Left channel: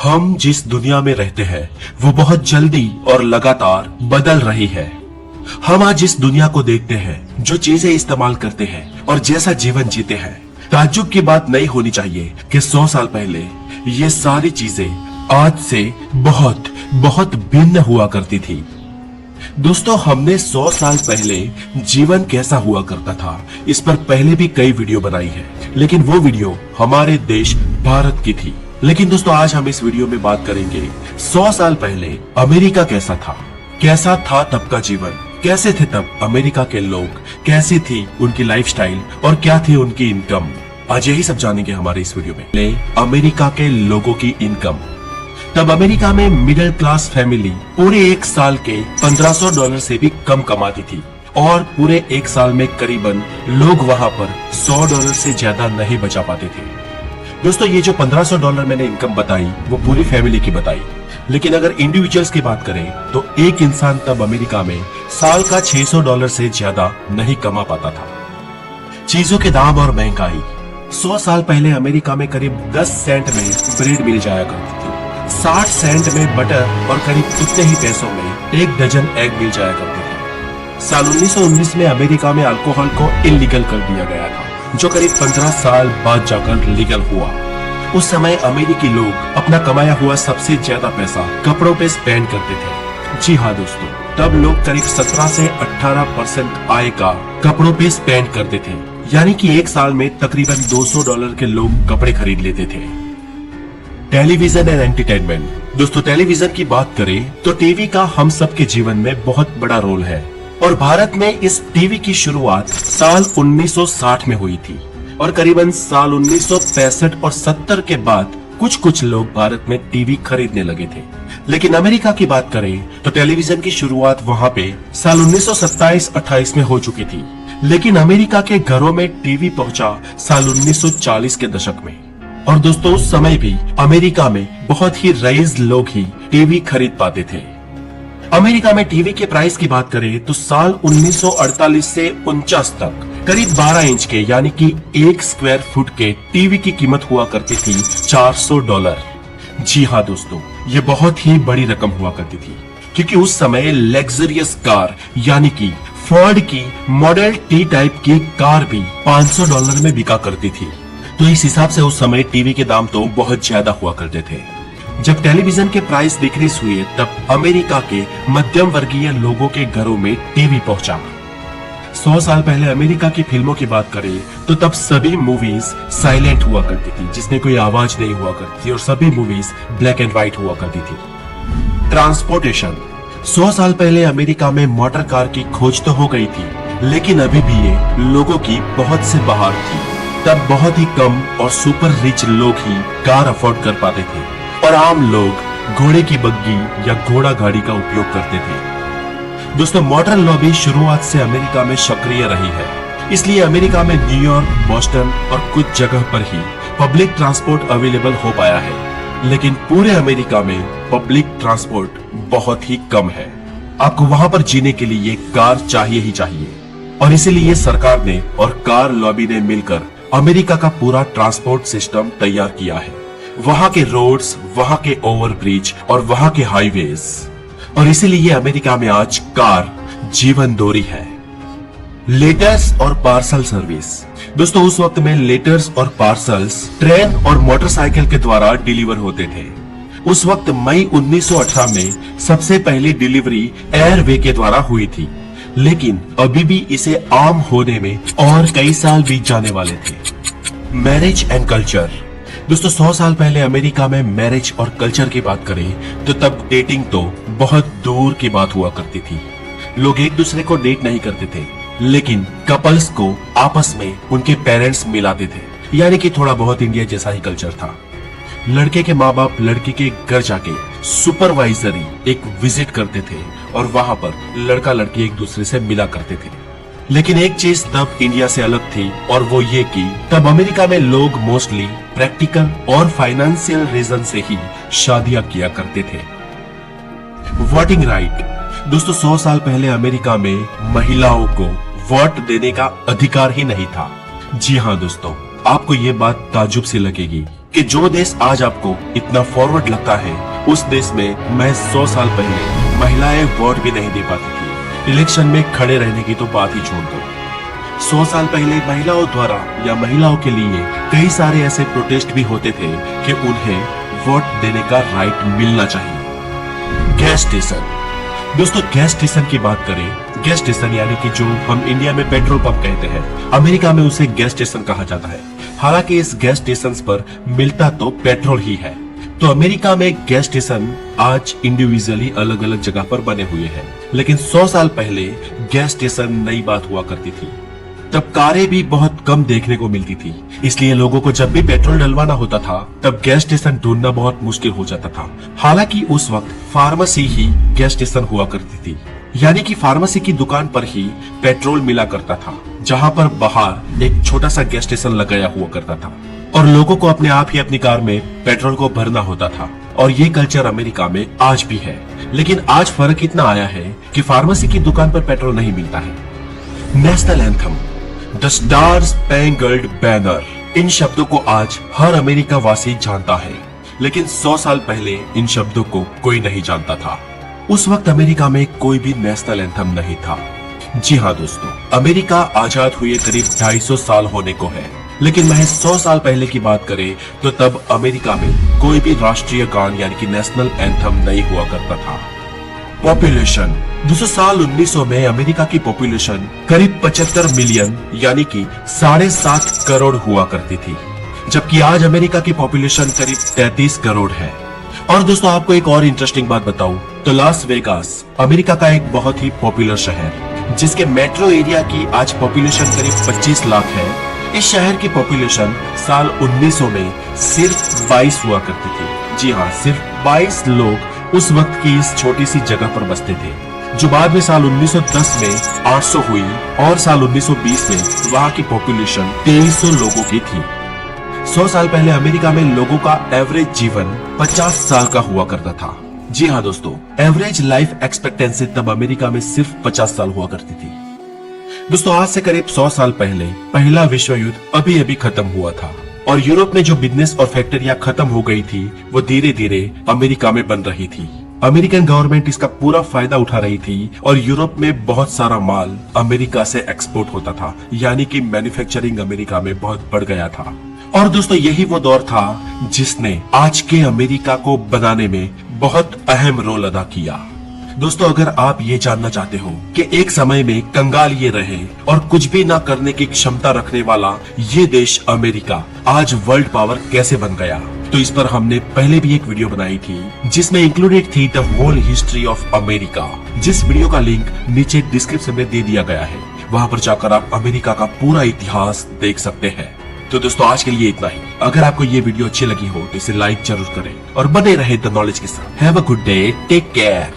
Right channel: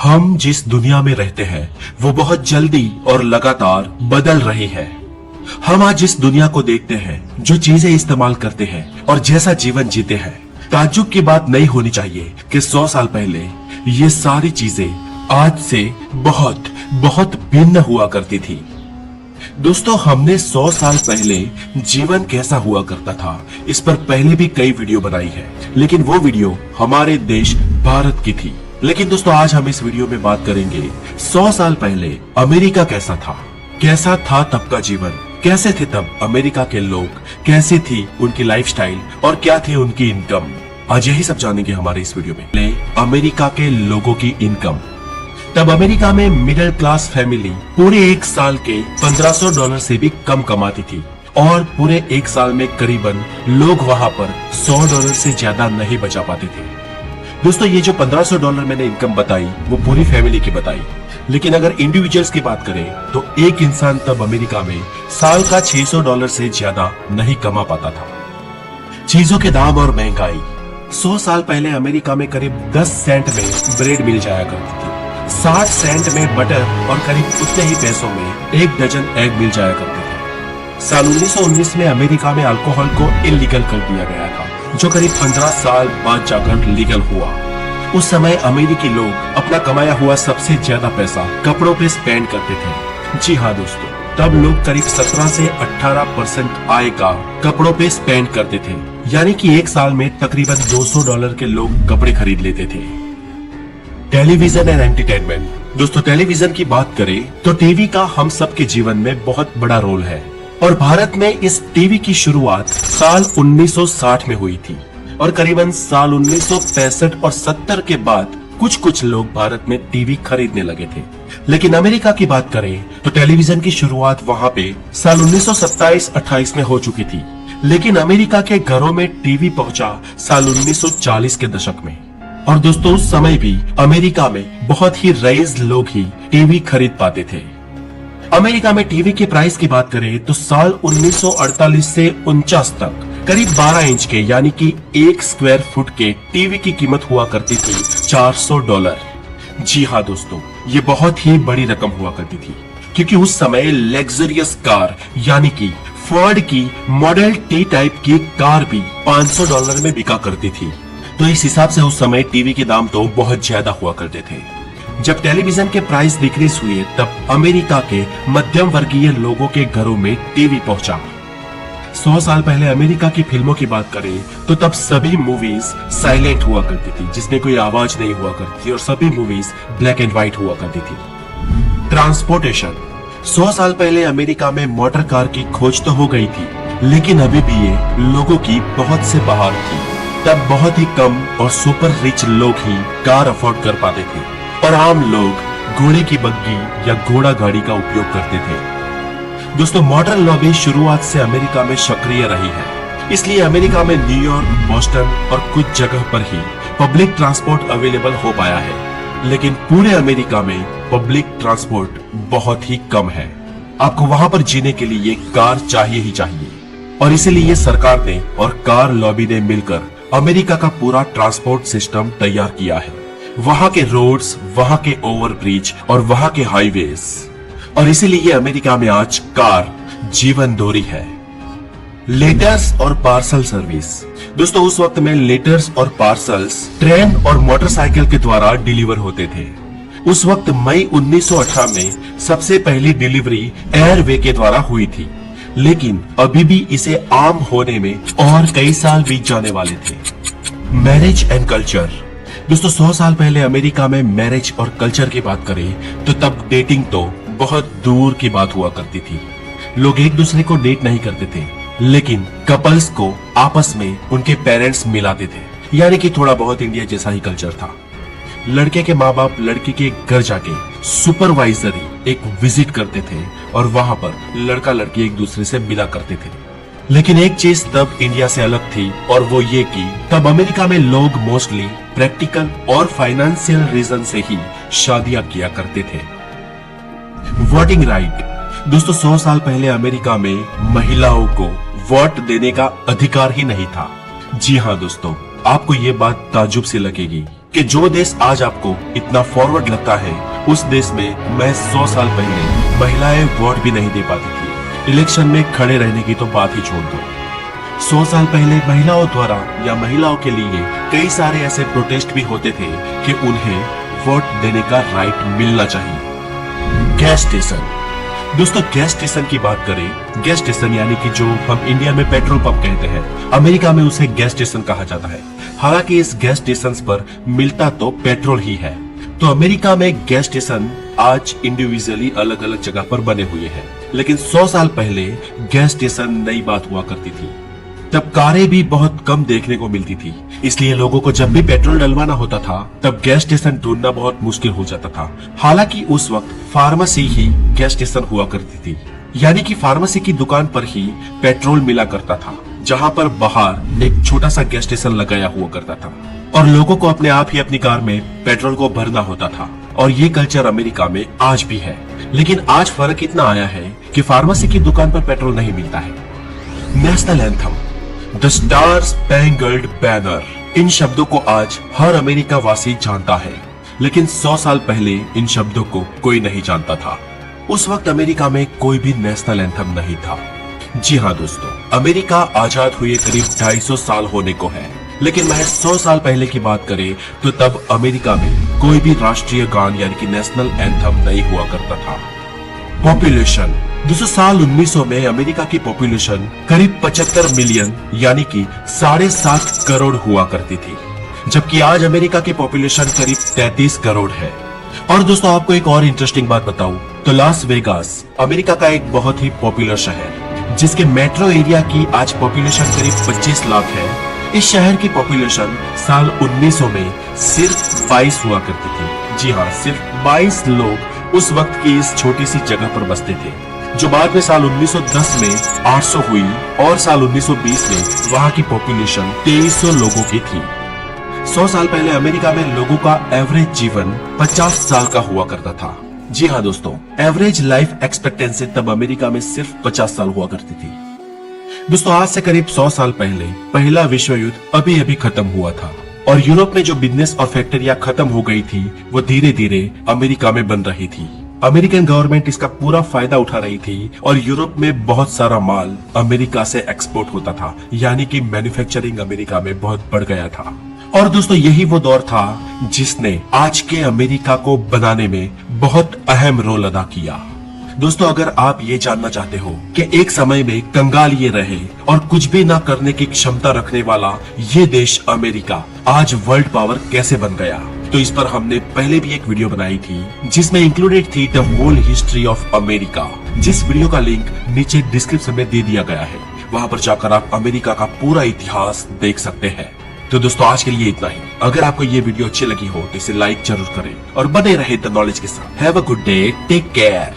हम जिस दुनिया में रहते हैं वो बहुत जल्दी और लगातार बदल रही है। हम आज जिस दुनिया को देखते हैं, जो चीजें इस्तेमाल करते हैं और जैसा जीवन जीते हैं, ताज्जुब की बात नहीं होनी चाहिए कि 100 साल पहले ये सारी चीजें आज से बहुत बहुत भिन्न हुआ करती थी। दोस्तों, हमने 100 साल पहले जीवन कैसा हुआ करता था इस पर पहले भी कई वीडियो बनाई है, लेकिन वो वीडियो हमारे देश भारत की थी। लेकिन दोस्तों, आज हम इस वीडियो में बात करेंगे 100 साल पहले अमेरिका कैसा था तब का जीवन, कैसे थे तब अमेरिका के लोग, कैसे थी उनकी लाइफस्टाइल और क्या थे उनकी इनकम। आज यही सब जानेंगे हमारे इस वीडियो में। अमेरिका के लोगों की इनकम। तब अमेरिका में मिडिल क्लास फैमिली पूरे एक साल के $1500 से भी कम कमाती थी और पूरे एक साल में करीबन लोग वहां पर $100 से ज्यादा नहीं बचा पाते थे। दोस्तों, ये जो $1500 मैंने इनकम बताई वो पूरी फैमिली की बताई, लेकिन अगर इंडिविजुअल्स की बात करें तो एक इंसान तब अमेरिका में साल का $600 से ज्यादा नहीं कमा पाता था। चीजों के दाम और महंगाई। 100 साल पहले अमेरिका में करीब 10 सेंट में ब्रेड मिल जाया करती थी, 60 सेंट में बटर और करीब उतने ही पैसों में 1 डजन एग मिल जाया करते थे। साल 1919 में अमेरिका में अल्कोहल को इलीगल कर दिया गया था, जो करीब 15 साल बाद जाकर लीगल हुआ। उस समय अमेरिकी लोग अपना कमाया हुआ सबसे ज्यादा पैसा कपड़ों पे स्पेंड करते थे। जी हाँ दोस्तों, तब लोग करीब 17 से 18% आय का कपड़ों पे स्पेंड करते थे, यानी कि एक साल में तकरीबन $200 के लोग कपड़े खरीद लेते थे। Television and entertainment. दोस्तों, टेलीविजन की बात करें तो टीवी का हम सबके जीवन में बहुत बड़ा रोल है और भारत में इस टीवी की शुरुआत साल 1960 में हुई थी और करीबन साल 1965 और 70 के बाद कुछ लोग भारत में टीवी खरीदने लगे थे। लेकिन अमेरिका की बात करें तो टेलीविजन की शुरुआत वहां पे साल 1927-28 में हो चुकी थी, लेकिन अमेरिका के घरों में टीवी पहुंचा साल 1940 के दशक में। और दोस्तों, उस समय भी अमेरिका में बहुत ही रईस लोग ही टीवी खरीद पाते थे। अमेरिका में टीवी के प्राइस की बात करें तो साल 1948 से 49 तक करीब 12 इंच के यानी कि 1 स्क्वायर फुट के टीवी की कीमत हुआ करती थी $400। जी हाँ दोस्तों, ये बहुत ही बड़ी रकम हुआ करती थी, क्योंकि उस समय लग्जरियस कार यानी कि फोर्ड की मॉडल टी टाइप की कार भी $500 में बिका करती थी। तो इस हिसाब से उस समय टीवी के दाम तो बहुत ज्यादा हुआ करते थे। जब टेलीविजन के प्राइस डिक्रीज हुए तब अमेरिका के मध्यम वर्गीय लोगों के घरों में टीवी पहुंचा। 100 साल पहले अमेरिका की फिल्मों की बात करें तो तब सभी मूवीज साइलेंट हुआ करती थी, जिसमें कोई आवाज नहीं हुआ करती थी, और सभी मूवीज ब्लैक एंड व्हाइट हुआ करती थी। ट्रांसपोर्टेशन। 100 साल पहले अमेरिका में मोटर कार की खोज तो हो गई थी, लेकिन अभी भी ये लोगों की बहुत से बाहर थी। तब बहुत ही कम और सुपर रिच लोग ही कार अफोर्ड कर पाते थे और आम लोग घोड़े की बग्गी या घोड़ा गाड़ी का उपयोग करते थे। दोस्तों, मोटर लॉबी शुरुआत से अमेरिका में सक्रिय रही है, इसलिए अमेरिका में न्यूयॉर्क, बॉस्टन और कुछ जगह पर ही पब्लिक ट्रांसपोर्ट अवेलेबल हो पाया है, लेकिन पूरे अमेरिका में पब्लिक ट्रांसपोर्ट बहुत ही कम है। आपको वहां पर जीने के लिए कार चाहिए ही चाहिए, और इसीलिए सरकार ने और कार लॉबी ने मिलकर अमेरिका का पूरा ट्रांसपोर्ट सिस्टम तैयार किया है। वहां के रोड्स, वहां के ओवरब्रिज और वहां के हाईवेज, और इसीलिए अमेरिका में आज कार जीवन दोरी है। लेटर्स और पार्सल सर्विस। दोस्तों, उस वक्त में लेटर्स और पार्सल्स ट्रेन और मोटरसाइकिल के द्वारा डिलीवर होते थे। उस वक्त मई 1918 में सबसे पहली डिलीवरी एयरवे के द्वारा हुई थी, लेकिन अभी भी इसे आम होने में और कई साल बीत जाने वाले थे। Marriage and culture. दोस्तों, 100 साल पहले अमेरिका में मैरिज और कल्चर की बात करें तो तब डेटिंग तो बहुत दूर की बात हुआ करती थी। लोग एक दूसरे को डेट नहीं करते थे, लेकिन कपल्स को आपस में उनके पेरेंट्स मिलाते थे, यानी कि थोड़ा बहुत इंडिया जैसा ही कल्चर था। लड़के के माँ बाप लड़की के घर जाके सुपरवाइजरी एक विजिट करते थे और वहां पर लड़का लड़की एक दूसरे से मिला करते थे। लेकिन एक चीज तब इंडिया से अलग थी, और वो ये कि तब अमेरिका में लोग मोस्टली प्रैक्टिकल और फाइनेंशियल रीजन से ही शादियां किया करते थे। Voting right. दोस्तों, 100 साल पहले अमेरिका में महिलाओं को वोट देने का अधिकार ही नहीं था। जी हाँ दोस्तों, आपको ये बात ताज्जुब से लगेगी, कि जो देश आज आपको इतना फॉरवर्ड लगता है, उस देश में मैं 100 साल पहले महिलाएं वोट भी नहीं दे पाती थी। इलेक्शन में खड़े रहने की तो बात ही छोड़ दो। 100 साल पहले महिलाओं द्वारा या महिलाओं के लिए कई सारे ऐसे प्रोटेस्ट भी होते थे कि उन्हें वोट देने का राइट मिलना चाहिए। गैस स्टेशन, दोस्तों गैस स्टेशन की बात करें, गैस स्टेशन यानी कि जो हम इंडिया में पेट्रोल पंप कहते हैं, अमेरिका में उसे गैस स्टेशन कहा जाता है। हालांकि इस गैस स्टेशन पर मिलता तो पेट्रोल ही है। तो अमेरिका में गैस स्टेशन आज इंडिविजुअली अलग अलग जगह पर बने हुए हैं, लेकिन 100 साल पहले गैस स्टेशन नई बात हुआ करती थी। तब कारें भी बहुत कम देखने को मिलती थी, इसलिए लोगों को जब भी पेट्रोल डलवाना होता था तब गैस स्टेशन ढूंढना बहुत मुश्किल हो जाता था। हालांकि उस वक्त फार्मेसी ही गैस स्टेशन हुआ करती थी, यानी कि फार्मेसी की दुकान पर ही पेट्रोल मिला करता था, जहां पर बाहर एक छोटा सा गैस स्टेशन लगाया हुआ करता था और लोगों को अपने आप ही अपनी कार में पेट्रोल को भरना होता था। और ये कल्चर अमेरिका में आज भी है, लेकिन आज फर्क इतना आया है कि फार्मेसी की दुकान पर पेट्रोल नहीं मिलता है। National anthem, the star spangled banner, इन शब्दों को आज हर अमेरिका वासी जानता है, लेकिन 100 साल पहले इन शब्दों को कोई नहीं जानता था। उस वक्त अमेरिका में कोई भी नेशनल एंथम नहीं था। जी हाँ दोस्तों, अमेरिका आजाद हुए करीब 250 साल होने को है, लेकिन महज 100 साल पहले की बात करें तो तब अमेरिका में कोई भी राष्ट्रीय गान यानी कि नेशनल एंथम नहीं हुआ करता था। पॉपुलेशन, दूसरे साल 1900 में अमेरिका की पॉपुलेशन करीब 75 मिलियन यानी कि 7.5 करोड़ हुआ करती थी, जबकि आज अमेरिका की पॉपुलेशन करीब 33 करोड़ है। और दोस्तों आपको एक और इंटरेस्टिंग बात बताऊं तो लास वेगास अमेरिका का एक बहुत ही पॉपुलर शहर, जिसके मेट्रो एरिया की आज पॉपुलेशन करीब 25 लाख है। इस शहर की पॉपुलेशन साल 1900 में सिर्फ 22 हुआ करती थी। जी हाँ, सिर्फ 22 लोग उस वक्त की इस छोटी सी जगह पर बसते थे, जो बाद में साल 1910 में 800 हुई और साल 1920 में वहाँ की पॉपुलेशन 2300 लोगों की थी। 100 साल पहले अमेरिका में लोगों का एवरेज जीवन 50 साल का हुआ करता था। जी हाँ दोस्तों, एवरेज लाइफ एक्सपेक्टेंसी तब अमेरिका में सिर्फ 50 साल हुआ करती थी। दोस्तों आज से करीब 100 साल पहले पहला विश्व युद्ध अभी अभी खत्म हुआ था और यूरोप में जो बिजनेस और फैक्ट्रियां खत्म हो गई थी वो धीरे धीरे अमेरिका में बन रही थी। अमेरिकन गवर्नमेंट इसका पूरा फायदा उठा रही थी और यूरोप में बहुत सारा माल अमेरिका से एक्सपोर्ट होता था, यानी कि मैन्युफैक्चरिंग अमेरिका में बहुत बढ़ गया था। और दोस्तों यही वो दौर था जिसने आज के अमेरिका को बनाने में बहुत अहम रोल अदा किया। दोस्तों अगर आप ये जानना चाहते हो कि एक समय में कंगाल ये रहे और कुछ भी ना करने की क्षमता रखने वाला ये देश अमेरिका आज वर्ल्ड पावर कैसे बन गया, तो इस पर हमने पहले भी एक वीडियो बनाई थी जिसमें इंक्लूडेड थी the whole history of America, जिस वीडियो का लिंक नीचे डिस्क्रिप्शन में दे दिया गया है। वहां पर जाकर आप अमेरिका का पूरा इतिहास देख सकते हैं। तो दोस्तों आज के लिए इतना ही। अगर आपको ये वीडियो अच्छी लगी हो तो इसे लाइक जरूर करें और बने रहे द नॉलेज के साथ। Have a good day, take care.